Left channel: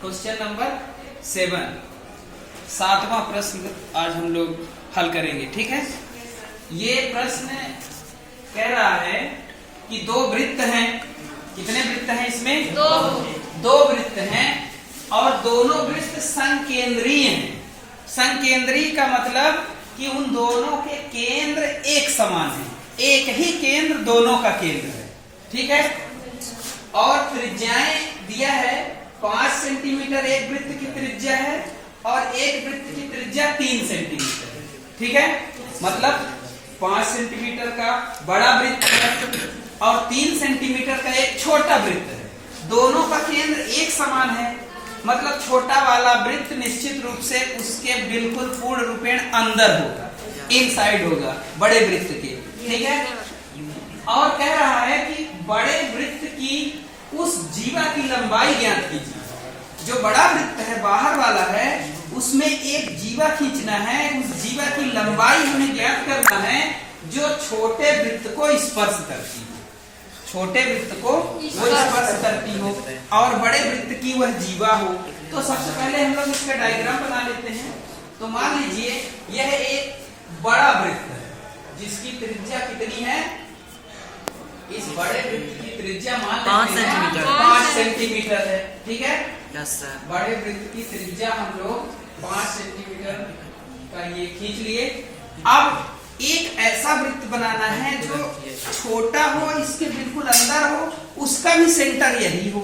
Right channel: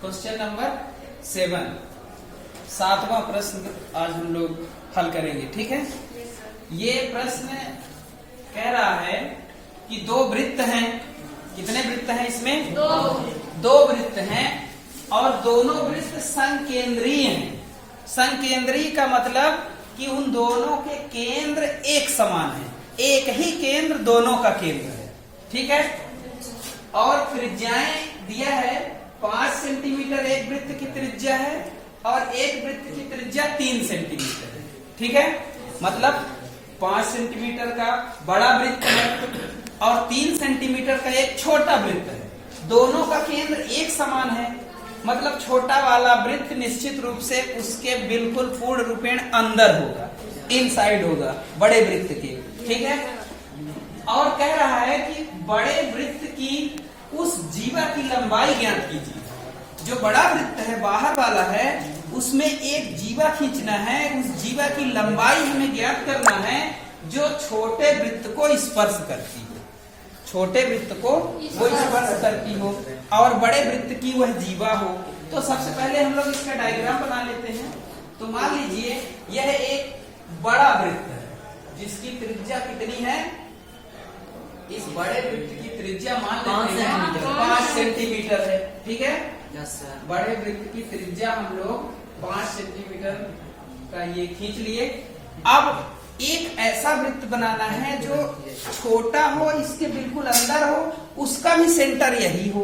Question number 7, 7वां प्रश्न आज हम लोग हल करेंगे। ठीक है, ये प्रश्न कह रहा है कि दो वृत्त हैं। कितने वृत्त हैं इसमें? दो वृत्त हैं और दोनों वृत्त संकेंद्रीय हैं। संकेंद्रीय का मतलब कि उन दोनों के केंद्र एक समान है, एक ही केंद्र दोनों का केंद्र है। ठीक है, और त्रिज्याएं दिया है 5 सेंटीमीटर एक वृत्त की त्रिज्या है और एक वृत्त की त्रिज्या 3 सेंटीमीटर है। ठीक है, मतलब 5 सेंटीमीटर का बड़ा वृत्त है और 3 सेंटीमीटर का एक छोटा वृत्त है। दोनों का केंद्र एक समान है, मतलब छोटा वाला वृत्त निश्चित रूप से उसके बिल्कुल पूर्ण रूपेण अंदर होगा, इनसाइड होगा बड़े वृत्त के। ठीक है, और कह रहा है कि बड़े वृत्त की उस जीवा की लंबाई ज्ञात कीजिए। जो बड़ा वृत्त है बाहर वाला है उसमें एक जीवा खींचना है, उस जीवा की लंबाई हमें ज्ञात करना है जो छोटे वृत्त को स्पर्श करती हो, छोटे वृत्त को वो स्पर्श करती हो और बड़े वृत्त की वह जीवा हो। तो सबसे पहले हम लोग इसका डायग्राम बना लेते हैं। तो मान लीजिए यह एक बड़ा वृत्त है जिसकी त्रिज्या कितनी है? इस बड़े वृत्त की त्रिज्या मान लेते हैं 5 सेंटीमीटर है। ठीक है, यस सर। बड़े वृत्त की त्रिज्या हम लोग 5 सेंटीमीटर का ये खींच लिए। अब एक ऐसा वृत्त बनाना है जो छोटा हो, इसके बिल्कुल अंदर हो, उसका भी सेंटर यही हो।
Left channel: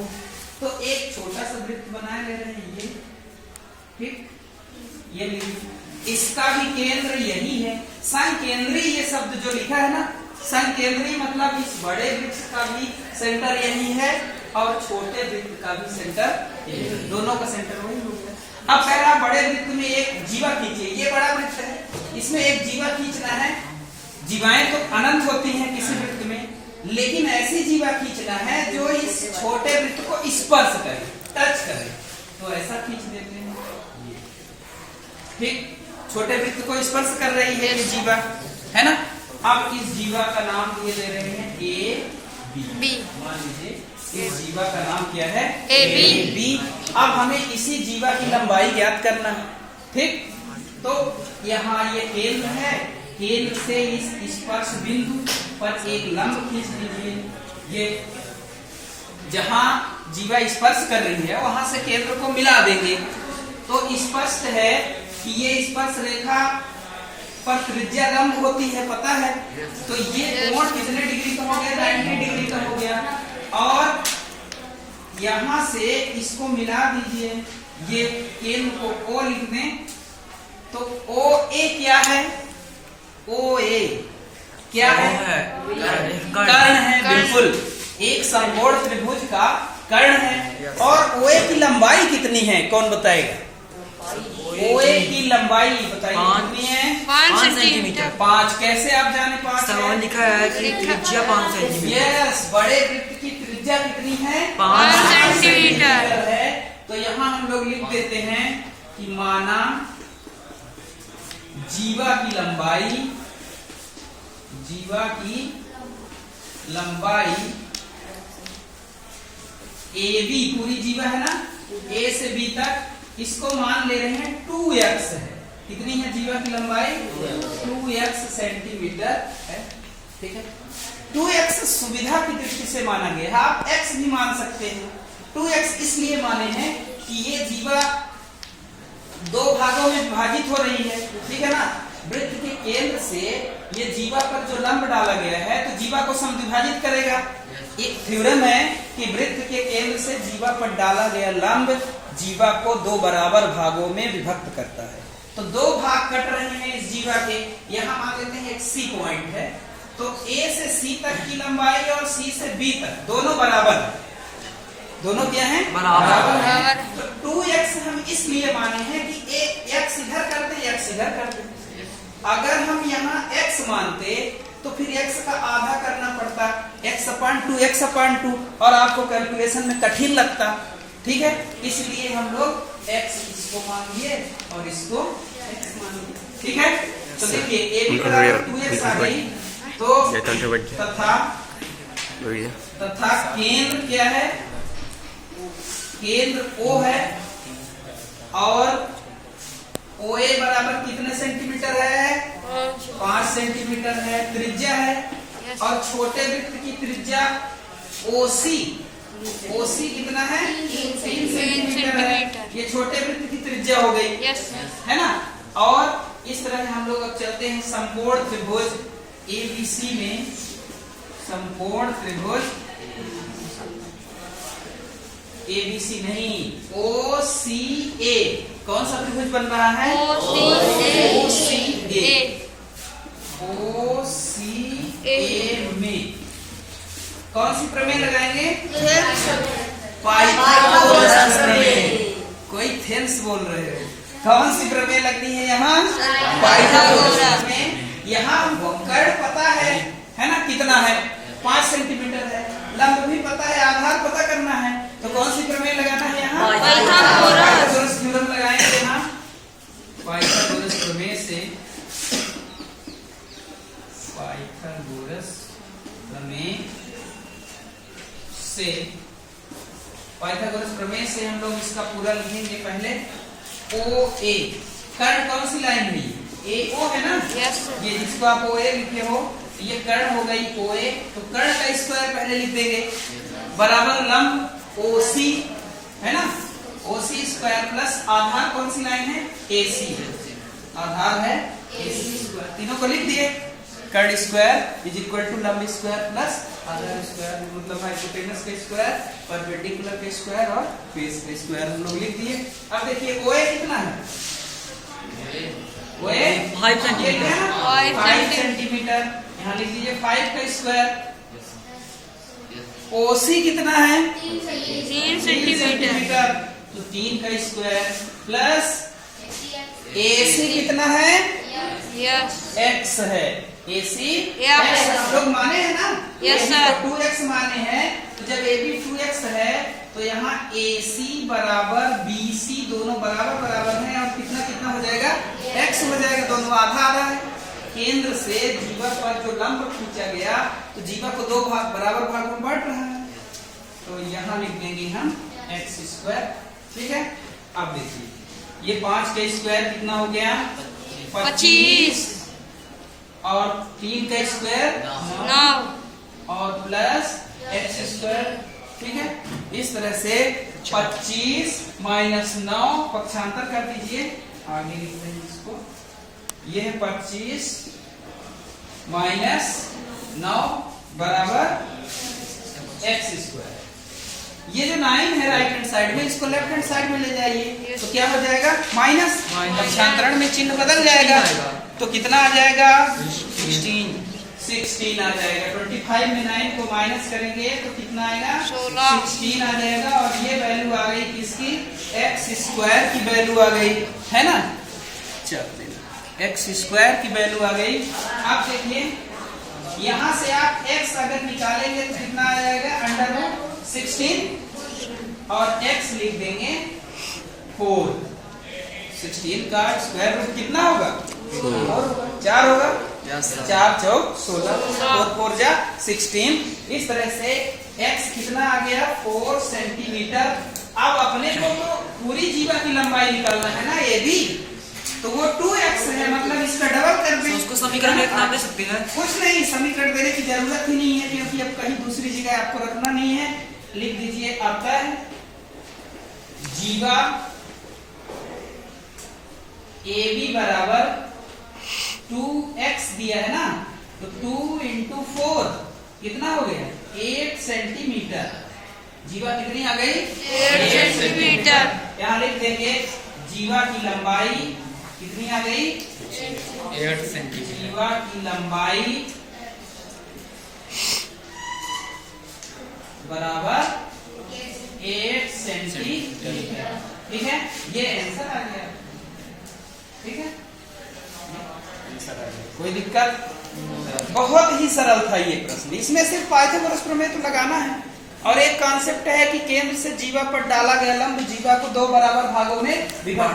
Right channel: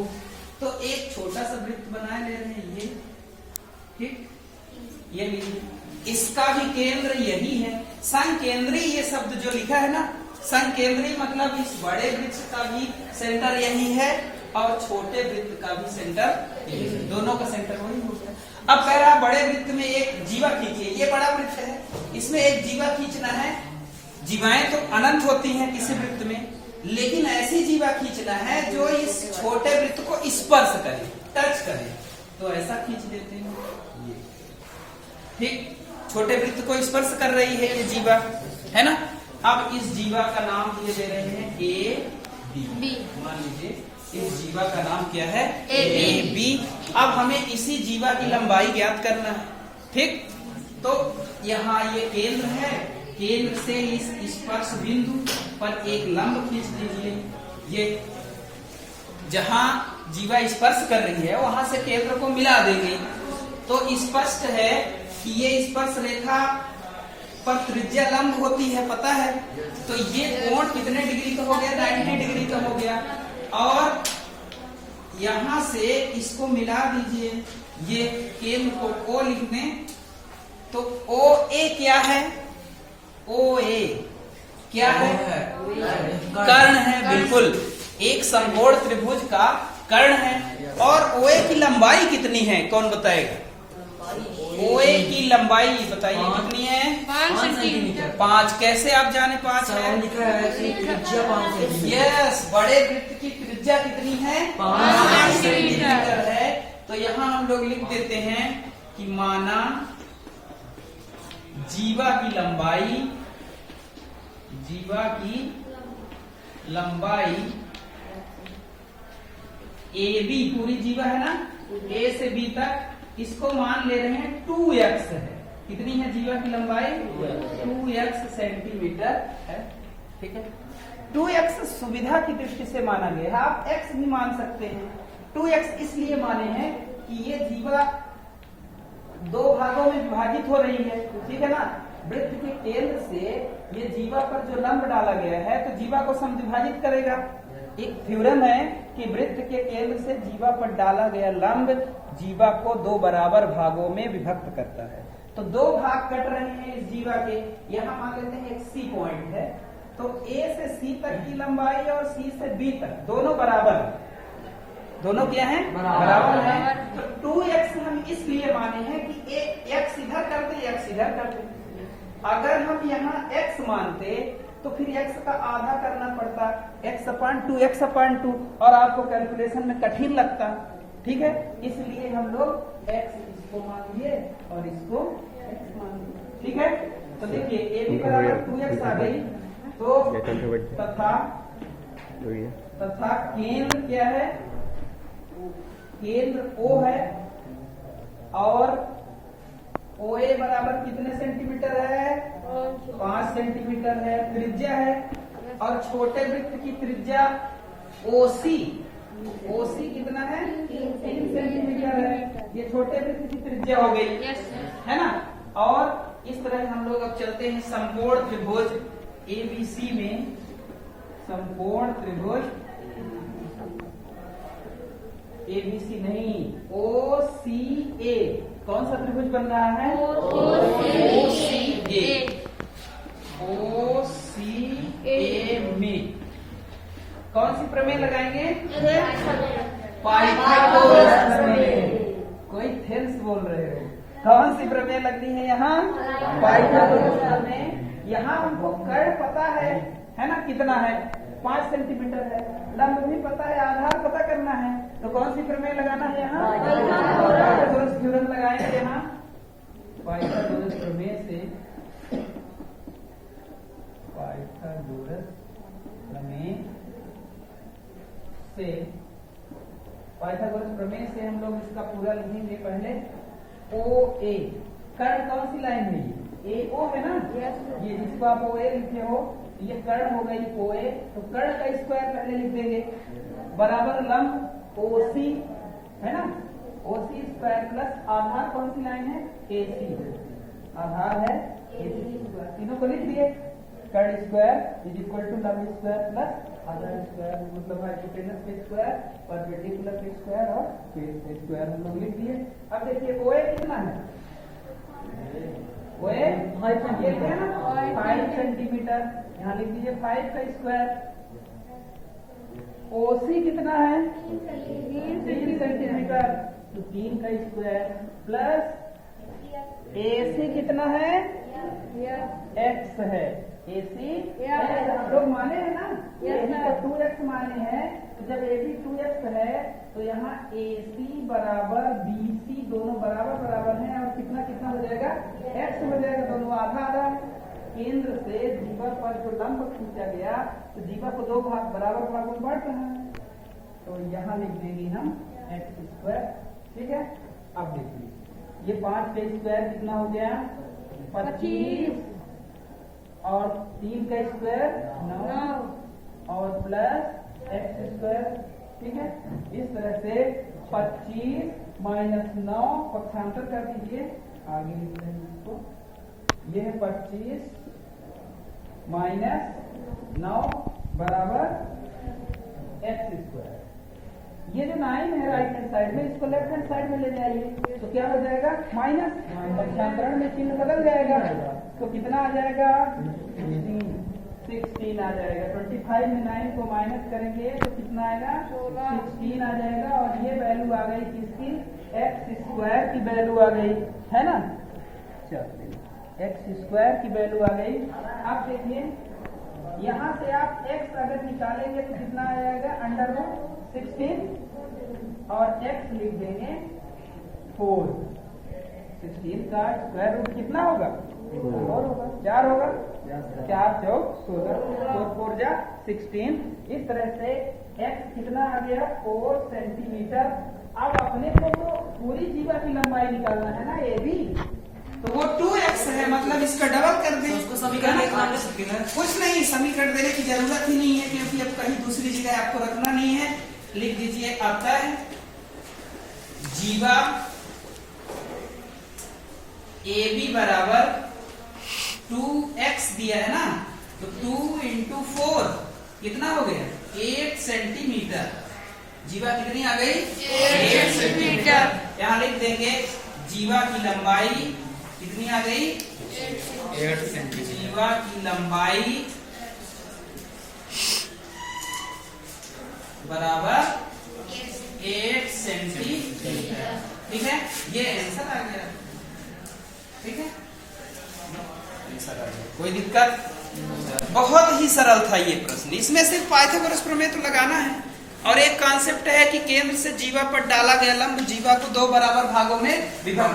तो एक छोटा सा वृत्त बनाए ले रहे हैं ये। ठीक, ये लीजिए, इसका भी केंद्र यही है। संकेंद्रीय ये शब्द जो लिखा है ना, संकेंद्रीय मतलब इस बड़े वृत्त का भी सेंटर यही है और छोटे वृत्त का भी सेंटर यही है, दोनों का सेंटर वही हो गया। अब कह रहा बड़े वृत्त में एक जीवा खींचिए। ये बड़ा वृत्त है, इसमें एक जीवा खींचना है। जीवाएं तो अनंत होती हैं किसी वृत्त में, लेकिन ऐसी जीवा खींचना है जो इस छोटे वृत्त को स्पर्श करे, टच करे। तो ऐसा खींच देते हैं ये। ठीक, छोटे वृत्त को स्पर्श कर रही है ये जीवा, है ना। अब इस जीवा का नाम दिए दे रहे हैं ए बी। मान लीजिए इस जीवा का नाम क्या है? A B. अब हमें इसी जीवा की लंबाई ज्ञात करना है। ठीक, तो यहाँ ये केंद्र है, केंद्र से इस स्पर्श बिंदु पर एक लंब खींच लीजिए। ये जहाँ जीवा स्पर्श कर रही है वहां से केंद्र को मिला देंगे। तो स्पष्ट है कि ये स्पर्श रेखा पर त्रिज्या लंब होती है, पता है। तो ये कोण कितने डिग्री का हो गया? 90 डिग्री का हो गया। और यहां से इसको मिला दीजिए, ये केंद्र को O लिख दें। तो ओ ए क्या है? ओ ए क्या है? कर्ण है, बिल्कुल एक समकोण त्रिभुज का कर्ण है। और ओ ए की लंबाई कितनी है? कौन बताएगा? OA की लंबाई बताइए कितनी है? 5 सेंटीमीटर। 5 कैसे आप जाने? 5 सवाल लिखा है कि त्रिज्या 5 सेंटीमीटर। यस, बड़े वृत्त की त्रिज्या कितनी है? 5 सेंटीमीटर है। तो यहाँ हम लोग लिख देते हैं कि माना जीवा की लंबाई AB पूरी जीवा है ना, A से B तक, इसको मान ले रहे हैं 2x है। कितनी है जीवा की लंबाई? 2x सेंटीमीटर है। ठीक है, 2x सुविधा की दृष्टि से माना गया है, आप x भी मान सकते हैं। 2x इसलिए माने हैं कि ये जीवा दो भागों में विभाजित हो रही है। ठीक है ना, वृत्त के केंद्र से ये जीवा पर जो लंब डाला गया है तो जीवा को समद्विभाजित करेगा। एक थ्योरम है कि वृत्त के केंद्र से जीवा पर डाला गया लंब जीवा को दो बराबर भागों में विभक्त करता है। तो दो भाग कट रहे हैं इस जीवा के। यहाँ मान लेते हैं एक C पॉइंट है, तो A से C तक की लंबाई और C से B तक दोनों बराबर है। दोनों क्या है? बराबर है। तो 2x हम इसलिए माने हैं कि x इधर करते x इधर करते। अगर हम यहाँ x मानते तो फिर x का आधा करना पड़ता, x/2 और आपको कैलकुलेशन में कठिन लगता। ठीक है, इसलिए हम लोग x इसको मान लिए और इसको x मान लिए। ठीक है, तो देखिए a बराबर 2x आ गई। तो तथा केंद्र क्या है? केंद्र O है और OA बराबर कितने सेंटीमीटर है? 5 सेंटीमीटर है, त्रिज्या है। और छोटे वृत्त की त्रिज्या OC कितना है? 3 सेंटीमीटर है। ये छोटे वृत्त की त्रिज्या हो गई, है ना। और इस तरह हम लोग अब चलते हैं समकोण त्रिभुज ABC में। समकोण त्रिभुज ABC नहीं, OCA। कौन सा त्रिभुज बन रहा है? OCA में कौन सी प्रमेय लगाएंगे? पाइथागोरस प्रमेय। कोई थेल्स बोल रहे हो? कौन सी प्रमेय लगनी है यहाँ? पाइथागोरस प्रमेय। यहाँ हमको कर्ण पता है ना, कितना है? 5 सेंटीमीटर है। लंब भी पता है, आधार पता करना है, तो कौन सी प्रमेय लगाना है यहाँ? पाइथागोरस थ्योरम लगाएंगे यहाँ। पाइथागोरस प्रमेय से, पाइथागोरस प्रमेय से हम लोग इसका पूरा लिखेंगे। पहले OA कर्ण कौन सी लाइन हुई? AO है ना। ये जिसको आप OA लिखे हो, ये कर्ण हो गई OA। तो कर्ण का स्क्वायर पहले लिख देंगे, बराबर लंब OC है ना। OC स्क्वायर प्लस आधार कौन सी लाइन है? AC आधार है AC स्क्वायर। तीनों को लिख दिए। कर्ण स्क्वायर इज इक्वल टू लंब स्क्वायर प्लस आधार स्क्वायर, मतलब हाइपोटेनस का स्क्वायर, परपेंडिकुलर का स्क्वायर और बेस का स्क्वायर हम लोग लिख दिए। अब देखिए OA कितना है? OA 5 centimetre. यहाँ लिख दीजिए 5 का स्क्वायर। OC कितना है? 3 सेंटीमीटर। तो 3 का स्क्वायर प्लस AC कितना है? X है। AC X लोग माने हैं ना? Yes sir. 2x माने हैं। तो जब AB 2x है तो यहाँ AC बराबर BC दोनों बराबर हैं, और कितना कितना हो जाएगा? X हो जाएगा। दोनों आधा आधा है। केंद्र से जीवा पर जो लंब खींचा गया, तो जीवा को 2 बराबर भागों में बांट रहा है, तो यहाँ लिख देंगे हम x स्क्वायर। ठीक है। अब देखिए ये 5 का स्क्वायर कितना हो गया? 25। और 3 का स्क्वायर 9 और प्लस x स्क्वायर। ठीक है। इस तरह से 25 माइनस 9 पक्षांतर कर दीजिए, आगे लिख रहे हैं इसको। ये है 25 माइनस 9 बराबर x स्क्वायर। ये जो 9 है राइट हैंड साइड में, इसको लेफ्ट हैंड साइड में ले जाइए, तो क्या हो जाएगा? माइनस। पक्षांतरण में चिन्ह बदल जाएगा, तो कितना आ जाएगा? 16 आ जाएगा। 25 में 9 को माइनस करेंगे तो कितना आएगा? 16 आ जाएगा। और ये वैल्यू आ गई किसकी? x स्क्वायर की वैल्यू आ गई, है ना। चलो x स्क्वायर की वैल्यू आ गई। अब देखिए यहाँ से आप x अगर निकालेंगे तो कितना आ जाएगा? √16 और x लिख देंगे 4। 16 का स्क्वायर रूट कितना होगा? 4 होगा। 4 चौक 16, 4 जा 16। इस तरह से x कितना आ गया? 4 सेंटीमीटर। अब अपने को तो पूरी जीवा की लंबाई निकालना है ना, ये भी, तो वो 2x है, मतलब इसका डबल कर दें। उसको समीकरण में नाम दे सकते हैं? कुछ नहीं, समीकरण देने की जरूरत ही नहीं है, क्योंकि अब कहीं दूसरी जगह आपको रखना नहीं है। लिख दीजिए अतः जीवा AB बराबर 2x दिया है ना, तो 2 × 4 कितना हो गया? 8 सेंटीमीटर। जीवा कितनी आ गई? 8 सेंटीमीटर। यहाँ लिख देंगे जीवा की लंबाई कितनी आ गई? 8 सेंटीमीटर। जीवा की लंबाई बराबर 8 सेंटीमीटर। ठीक है, ये आंसर आ गया। ठीक है, आंसर आ गया। कोई दिक्कत? बहुत ही सरल था ये प्रश्न। इसमें सिर्फ पाइथागोरस प्रमेय तो लगाना है, और एक कॉन्सेप्ट है कि केंद्र से जीवा पर डाला गया लंब जीवा को 2 बराबर भागों में विभाजित